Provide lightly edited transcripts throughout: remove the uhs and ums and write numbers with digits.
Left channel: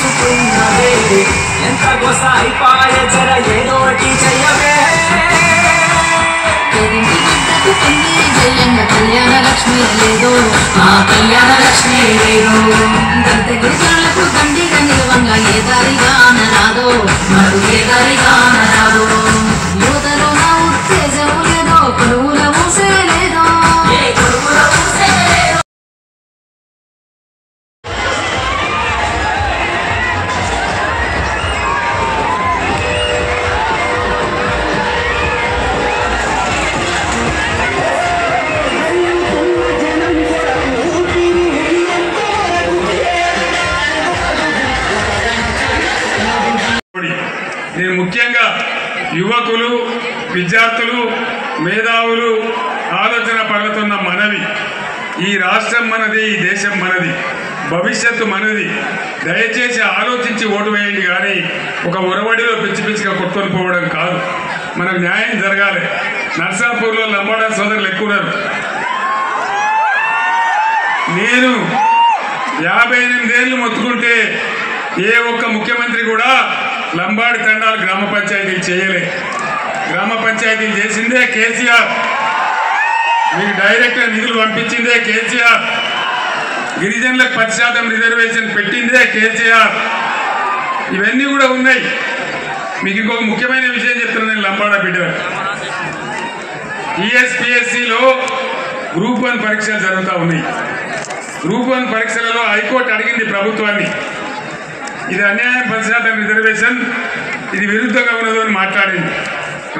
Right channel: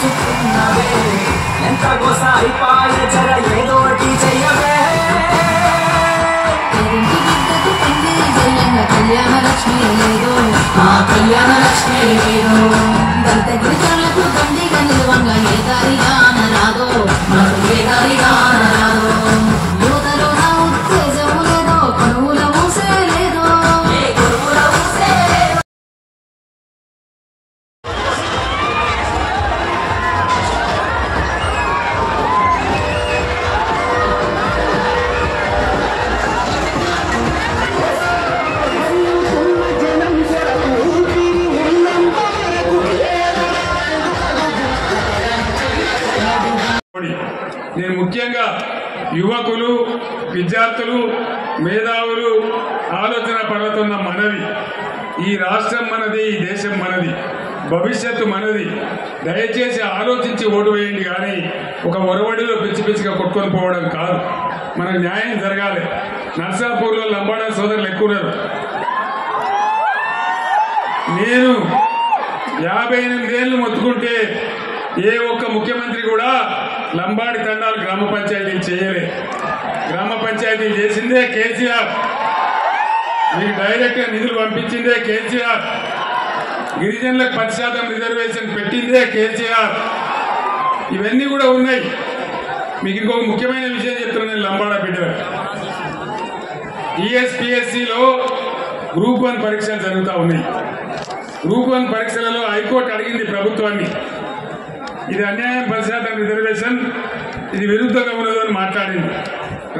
చూసుకున్నవే ఎంత గోసాయిపాయ జర ఏదోటి చెయ్యవే కళ్యాణ లక్ష్మి లేదో ఆ కళ్యాణ లక్ష్మి లేదో దంత గిరిజనులకు దండిగా నిలవంగా ఏ దారిగా అనరాదో మరు ఏ దారిగా అనరాదో యువతలో నా ఉత్తేజం లేదో కొనువుల ఊసే లేదో ఏ కొనువుల ఊసే లేదో నేను ముఖ్యంగా యువకులు విద్యార్థులు మేధావులు ఆలోచన పరులుతున్న మనవి ఈ రాష్ట్రం మనది ఈ దేశం మనది భవిష్యత్తు మనది దయచేసి ఆలోచించి ఓటు వేయండి కానీ ఒక ఒరవడిలో పిచ్చి పిచ్చిగా కొట్టుకొని పోవడం కాదు మనకు న్యాయం జరగాలి నర్సాపూర్లో లంబాడా సోదరులు ఎక్కున్నారు నేను 58 ఏళ్ళు మొత్తుకుంటే ఏ ఒక్క ముఖ్యమంత్రి కూడా లంబాడి తండాలు గ్రామ పంచాయతీలు చేయలే గ్రామ పంచాయతీలు చేసిందే కేసీఆర్ మీకు డైరెక్ట్గా నిధులు పంపించిందే కేసీఆర్ గిరిజనులకు 10% రిజర్వేషన్ పెట్టిందే కేసీఆర్ ఇవన్నీ కూడా ఉన్నాయి మీకు ఇంకొక ముఖ్యమైన విషయం చెప్తున్నాను నేను లంబాడా బిడ్డ టీఎస్పీఎస్సీలో గ్రూప్ 1 పరీక్షలు జరుగుతూ ఉన్నాయి గ్రూప్ 1 పరీక్షలలో హైకోర్టు అడిగింది ప్రభుత్వాన్ని ఇది అన్యాయం 10% రిజర్వేషన్ ఇది విరుద్ధంగా ఉన్నదో అని మాట్లాడింది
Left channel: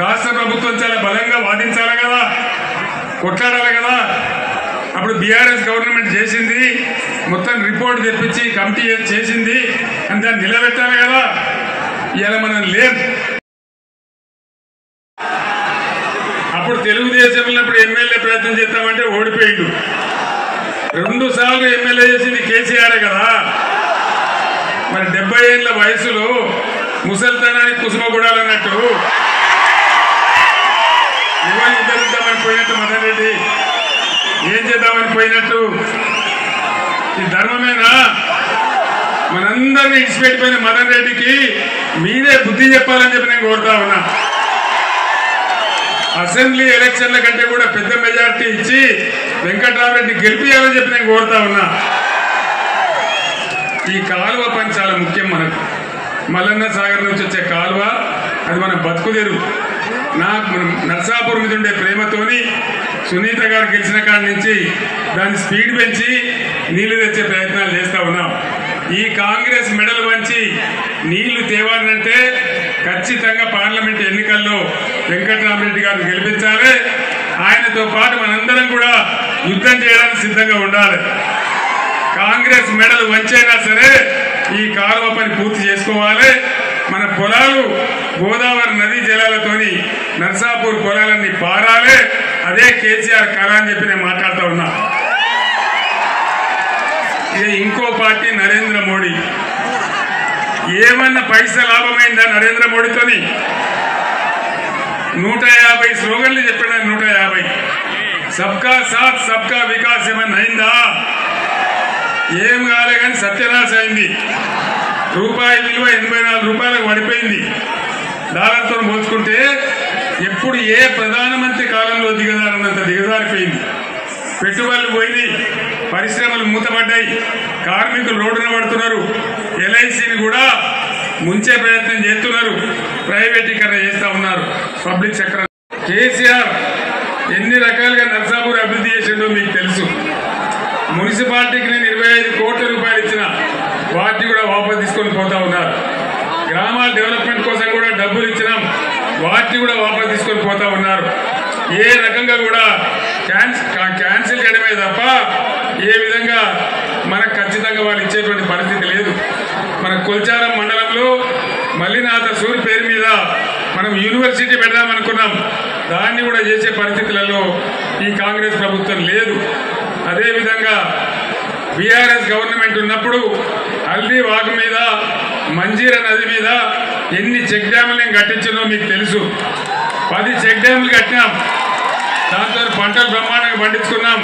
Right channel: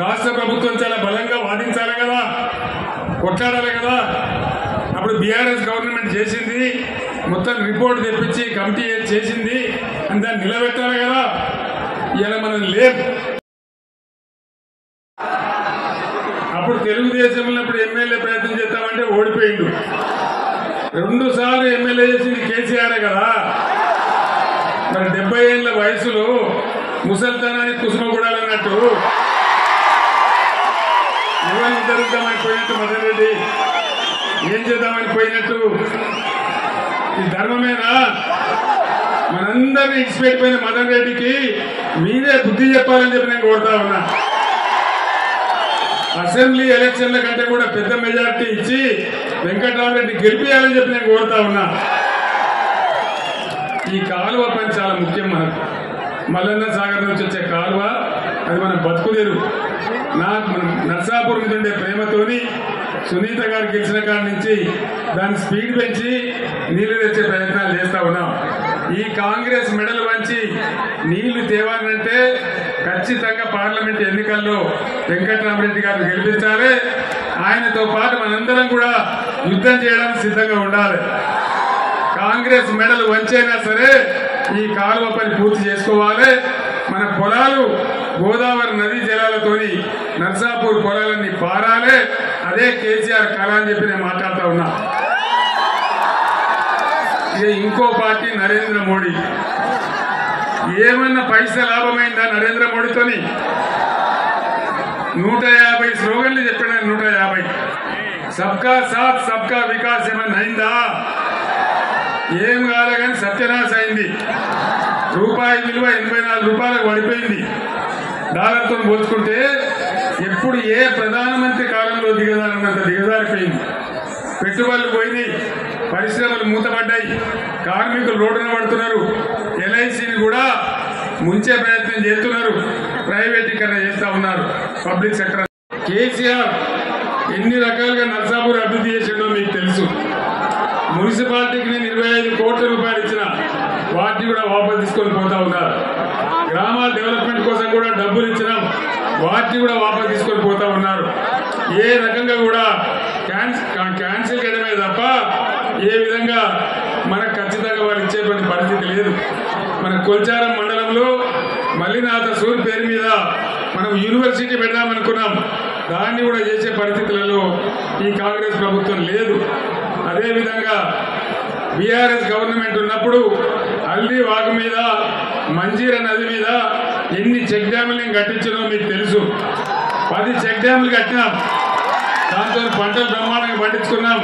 రాష్ట్ర ప్రభుత్వం చాలా బలంగా వాదించాలి కదా కొట్లాడాలి కదా అప్పుడు బీఆర్ఎస్ గవర్నమెంట్ చేసింది మొత్తం రిపోర్ట్ తెప్పించి కమిటీ చేసింది అని దాన్ని నిలబెట్టాలి కదా ఇవాళ మనం లేదు అప్పుడు తెలుగుదేశంలో ఇప్పుడు ఎమ్మెల్యే ప్రయత్నం చేస్తామంటే ఓడిపోయిండు 2 సార్లు ఎమ్మెల్యే చేసింది కేసీఆర్ కదా మరి 70 ఏళ్ల వయసులో ముసల్తనానికి కుసుమగూడాలన్నట్టు ఎవరు ఉద్ధరిద్దామని పోయినట్టు మదన్ రెడ్డి ఏం చేద్దామని పోయినట్టు ఈ ధర్మమేనా మనందరినీ ఇచ్చిపెట్టిపోయిన మదన్ రెడ్డికి మీరే బుద్ధి చెప్పాలని చెప్పి నేను కోరుతా ఉన్నా అసెంబ్లీ ఎలక్షన్ల కంటే కూడా పెద్ద మెజారిటీ ఇచ్చి వెంకటరామరెడ్డి గెలిపియాలని చెప్పి నేను కోరుతా ఉన్నా ఈ కాలువ పని చాలా ముఖ్యం మనకు మల్లన్న సాగర్ నుంచి వచ్చే కాలువ అది మన బతుకుదేరు నాకు నర్సాపూర్ మీద ఉండే ప్రేమతోని సునీత గారు గెలిచిన కాడి నుంచి దాన్ని స్పీడ్ పెంచి నీళ్లు తెచ్చే ప్రయత్నాలు చేస్తూ ఉన్నాం ఈ కాంగ్రెస్ మెడలు వంచి నీళ్లు తేవాలంటే ఖచ్చితంగా పార్లమెంట్ ఎన్నికల్లో వెంకటరామరెడ్డి గారిని గెలిపించాలి ఆయనతో పాటు మనందరం కూడా యుద్ధం చేయడానికి సిద్ధంగా ఉండాలి కాంగ్రెస్ మెడలు వంచైనా సరే ఈ కాలువ పని పూర్తి చేసుకోవాలి మన పొలాలు గోదావరి నదీ జలాలతోని నర్సాపూర్ పొలాలన్నీ పారాలి అదే కేసీఆర్ కళ అని చెప్పి నేను మాట్లాడుతూ ఉన్నా ఇక ఇంకో పార్టీ నరేంద్ర మోడీ ఏమన్నా పైసా లాభమైందా నరేంద్ర మోడీతోని 150 స్లోగన్లు చెప్పాడు 150 సబ్కా సాత్ సబ్కా వికాస్ ఏమన్నా అయిందా ఏం కాలే కానీ సత్యనాశ అయింది రూపాయి విలువ 84 రూపాయలకు పడిపోయింది డాలర్తో పోల్చుకుంటే ఎప్పుడు ఏ ప్రధానమంత్రి కాలంలో దిగజారినంత దిగజారిపోయింది పెట్టుబడులు పోయింది పరిశ్రమలు మూతపడ్డాయి కార్మికులు రోడ్డున పడుతున్నారు ఎల్ఐసిని కూడా ముంచే ప్రయత్నం చేస్తున్నారు ప్రైవేటీకరణ చేస్తూ ఉన్నారు పబ్లిక్ సెక్టర్ కేసీఆర్ ఎన్ని రకాలుగా నర్సాపూర్ అభివృద్ధి చేసిందో మీకు తెలుసు మున్సిపాలిటీకి నేను 25 కోట్ల రూపాయలు ఇచ్చిన వాటిని కూడా వాపసు తీసుకొని పోతా ఉన్నారు గ్రామాల డెవలప్మెంట్ కోసం కూడా డబ్బులు ఇచ్చినాం వాటిని కూడా వాపసు తీసుకొని పోతా ఉన్నారు ఏ రకంగా కూడా క్యాన్సిల్ చేయడమే తప్ప ఏ విధంగా మనకు ఖచ్చితంగా వాళ్ళు ఇచ్చేటువంటి పరిస్థితి లేదు మన కొల్చారం మండలంలో మల్లినాథ సూరి పేరు మీద మనం యూనివర్సిటీ పెడదామనుకున్నాం దాన్ని కూడా చేసే పరిస్థితులలో ఈ కాంగ్రెస్ ప్రభుత్వం లేదు అదేవిధంగా బీఆర్ఎస్ గవర్నమెంట్ ఉన్నప్పుడు హల్దీ వాగు మీద మంజీరా నది మీద ఎన్ని చెక్ డ్యాములు కట్టించిందో మీకు తెలుసు 10 చెక్ డ్యాములు కట్టినాం దాంతో పంటలు బ్రహ్మాండంగా పండించుకున్నాం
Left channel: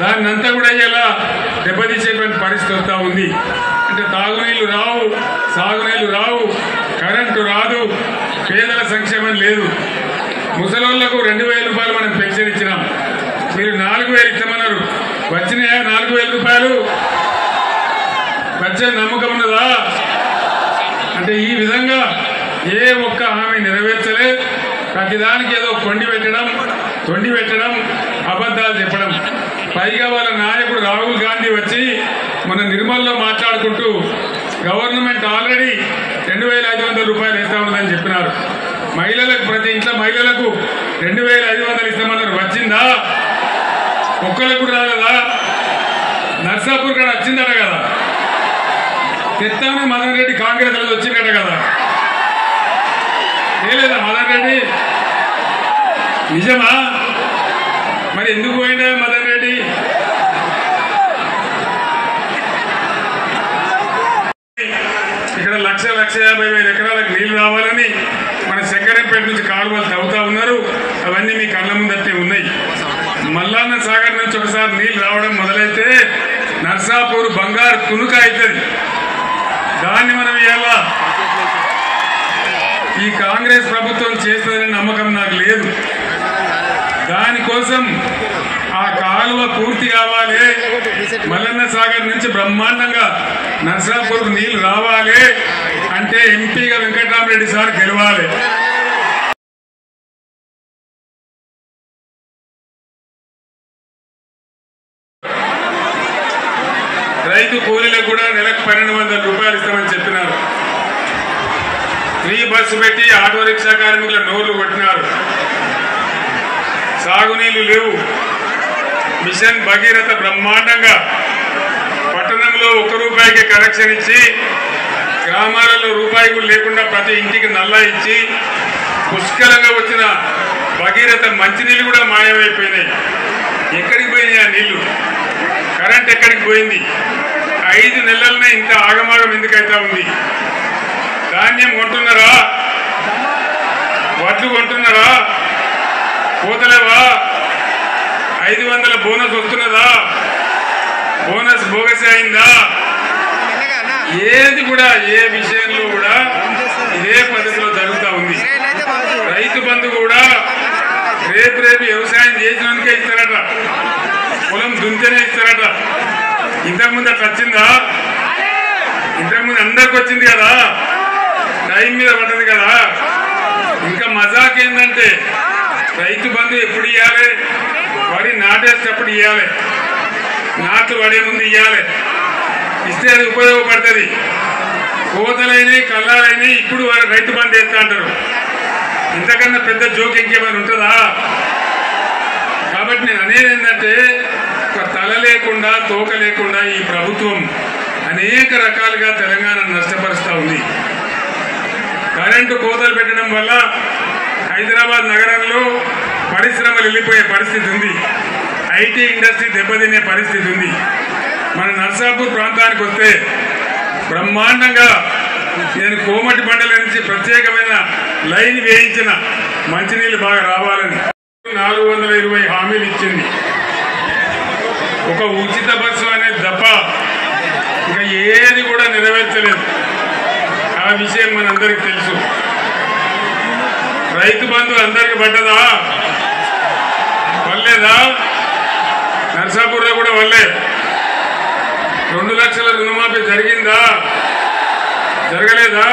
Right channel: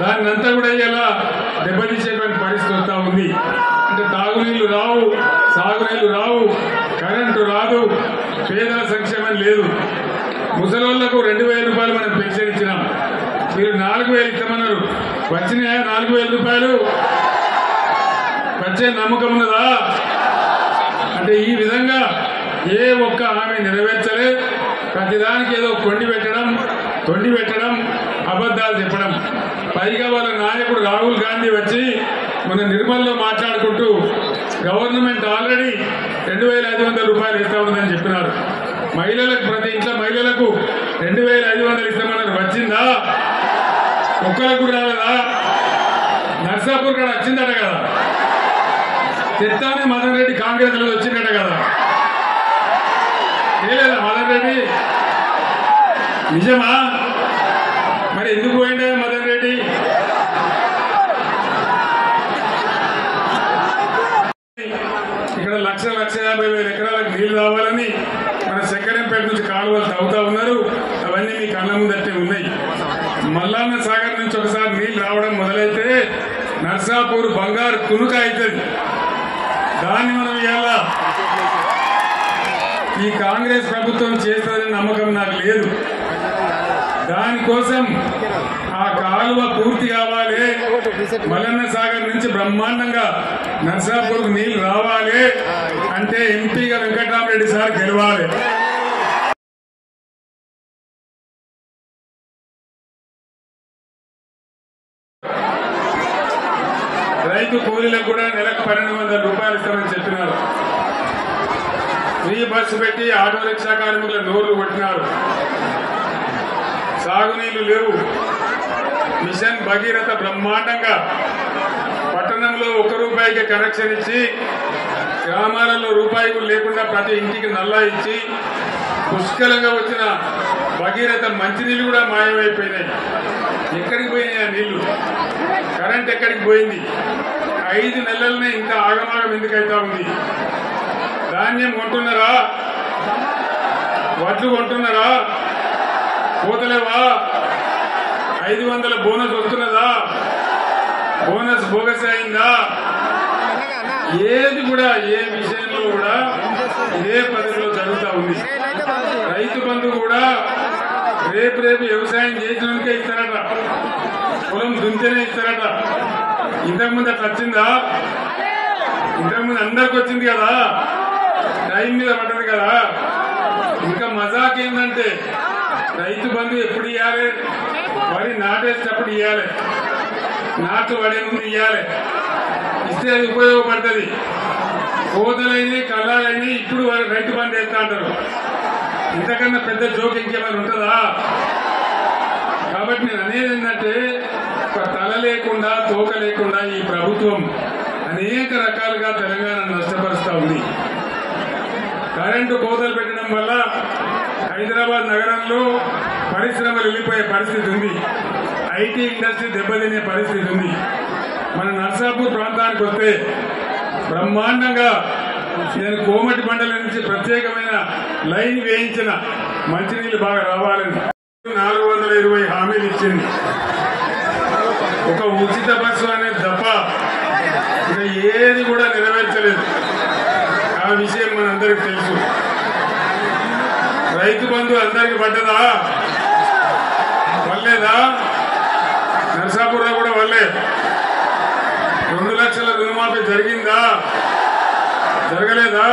దాన్ని అంతా కూడా ఇలా దెబ్బతీసేటువంటి పరిస్థితి వస్తూ ఉంది అంటే తాగునీళ్లు రావు, సాగునీళ్లు రావు, కరెంటు రాదు, పేదల సంక్షేమం లేదు. ముసలోళ్లకు 2000 రూపాయలు మనం పెన్షన్ ఇచ్చినాం, మీరు 4000 ఇస్తామన్నారు. వచ్చినాయా 4000 రూపాయలు? వచ్చే నమ్మకం ఉన్నదా? అంటే ఈ విధంగా ఏ ఒక్క హామీ నెరవేర్చలే. ప్రతిదానికి ఏదో తొండి పెట్టడం, అబద్ధాలు చెప్పడం. పైగా వాళ్ళ నాయకుడు రాహుల్ గాంధీ వచ్చి మన నిర్మల్లో మాట్లాడుకుంటూ గవర్నమెంట్ ఆల్రెడీ 2500 రూపాయలు ఇస్తా ఉందని చెప్పినారు. మహిళలకు, ప్రతి ఇంట్లో మహిళలకు 2500 ఇస్తామన్నారు. వచ్చిందా? ఒక్కరికి కూడా రాలేదా? నర్సాపూర్ కూడా వచ్చిందట కదా, తెచ్చామని మదన్ రెడ్డి కాంగ్రెస్ లో వచ్చిందట కదా, లేదా మదన్ రెడ్డి? నిజమా? మరి ఎందుకు పోయిందా మదన్ రెడ్డి? ఇక్కడ 1,50,000 ఎకరాలకు నీళ్లు రావాలని మన శంకరంపేట నుంచి కాలువలు తవ్వుతా ఉన్నారు. అవన్నీ మీ కళ్ళ ముందట్టే ఉన్నాయి. మల్లన్న సాగర్ నుంచి ఒకసారి నీళ్లు రావడం మొదలైతే నర్సాపూర్ బంగారు తునుక అవుతుంది. దాన్ని మనం ఇవ్వాలా? ఈ కాంగ్రెస్ ప్రభుత్వం చేస్తుందని నమ్మకం నాకు లేదు. దానికోసం ఆ కాలువ పూర్తి కావాలి, మల్లన్న సాగర్ నుంచి బ్రహ్మాండంగా నర్సాపూర్కు నీళ్లు రావాలి అంటే ఎంపీగా వెంకటరామరెడ్డి సార్ గెలవాలి. రైతు కూలీలకు కూడా నెలకు 1200 రూపాయలు ఇస్తామని చెప్పినారు. ఫ్రీ బస్సు పెట్టి ఆటో రిక్షా కార్మికుల నోర్లు కొట్టినారు. సాగునీళ్లు లేవు. మిషన్ భగీరథ బ్రహ్మాండంగా పట్టణంలో 1 రూపాయికి కనెక్షన్ ఇచ్చి, గ్రామాలలో రూపాయి కూడా లేకుండా ప్రతి ఇంటికి నల్లా ఇచ్చి, పుష్కలంగా వచ్చిన భగీరథ మంచినీళ్ళు కూడా మాయమైపోయినాయి. ఎక్కడికి పోయినాయి ఆ నీళ్లు? కరెంట్ ఎక్కడికి పోయింది? 5 నెలలనే ఇంత ఆగమాగం ఎందుకైతా ఉంది? ధాన్యం కొంటున్నారా? వడ్లు కొంటున్నారా? పోతలేవా? 500 బోనస్ వస్తున్నదా? బోనస్ బోగస్ అయిందా? ఏది కూడా, ఏ విషయంలో కూడా ఇదే పద్ధతిలో జరుగుతూ ఉంది. రైతు బంధు కూడా రేపు వ్యవసాయం చేసినందుకే ఇస్తారట, పొలం దుంతేనే ఇస్తారట. ఇంతకుముందు అట్లా వచ్చిందా? ఇంతకుముందు అందరికి వచ్చింది కదా, టైం మీద పడ్డది కదా. ఇంకా మజాక్ ఏంటంటే రైతు బంధు ఎప్పుడు ఇవ్వాలి? వరి నాటేసేటప్పుడు ఇవ్వాలి, నాట్లు పడే ముందు ఇవ్వాలి. ఇస్తే అది ఉపయోగపడుతుంది. కోతలైనవి, కళ్ళాలైనవి ఇప్పుడు రైతు బంధు వేస్తా అంటారు. ఇంతకన్నా పెద్ద జోక్ ఇంకేమైనా ఉంటుందా? కాబట్టి నేను అనేది ఏంటంటే, ఒక తల లేకుండా, తోక లేకుండా ఈ ప్రభుత్వం అనేక రకాలుగా తెలంగాణను నష్టపరుస్తూ ఉంది. కరెంటు కోతలు పెట్టడం వల్ల హైదరాబాద్ నగరంలో పరిశ్రమలు వెళ్ళిపోయే పరిస్థితి ఉంది. ఐటీ ఇండస్ట్రీ దెబ్బతినే పరిస్థితి ఉంది. మన నర్సాపూర్ ప్రాంతానికి వస్తే బ్రహ్మాండంగా నేను కోమటి మండలం నుంచి ప్రత్యేకమైన లైన్ వేయించిన మంచినీళ్ళు బాగా రావాలని 420 హామీలు ఇచ్చింది. ఒక ఉచిత బస్సు అనేది తప్ప ఇంకా ఏది కూడా నెరవేర్చలేదు. ఆ విషయం మనందరికీ తెలుసు. రైతు బంధు అందరికి పడ్డదా? వల్లేదా? నర్సాపూర్లో కూడా వల్లే. 2 లక్షల రుణమాఫీ జరిగిందా? జరగలేదా?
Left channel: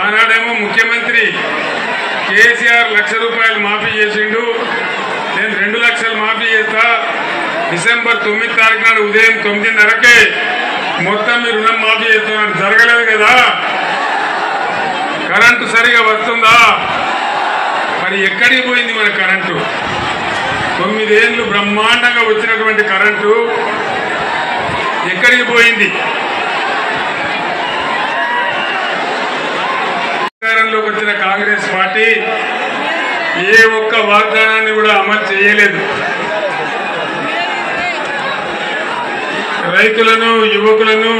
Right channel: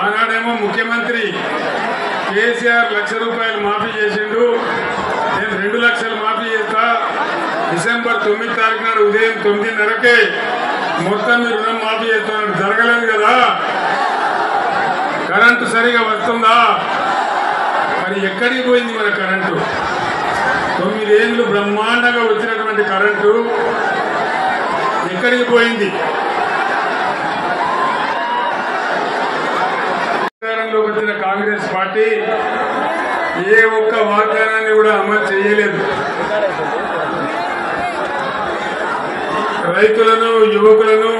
ఆనాడేమో ముఖ్యమంత్రి కేసీఆర్ 1,00,000 రూపాయలు మాఫీ చేసిండు. నేను 2 లక్షలు మాఫీ చేస్తా, డిసెంబర్ 9 తారీఖు నాడు ఉదయం 9:30కే మొత్తం మీ రుణం మాఫీ చేస్తామని. జరగలేదు కదా. కరెంటు సరిగా వస్తుందా? మరి ఎక్కడికి పోయింది మన కరెంటు? 9 ఏళ్ళు బ్రహ్మాండంగా వచ్చినటువంటి కరెంటు ఎక్కడికి పోయింది? అధికారంలోకి వచ్చిన కాంగ్రెస్ పార్టీ ఏ ఒక్క వాగ్దానాన్ని కూడా అమలు చేయలేదు. రైతులను, యువకులను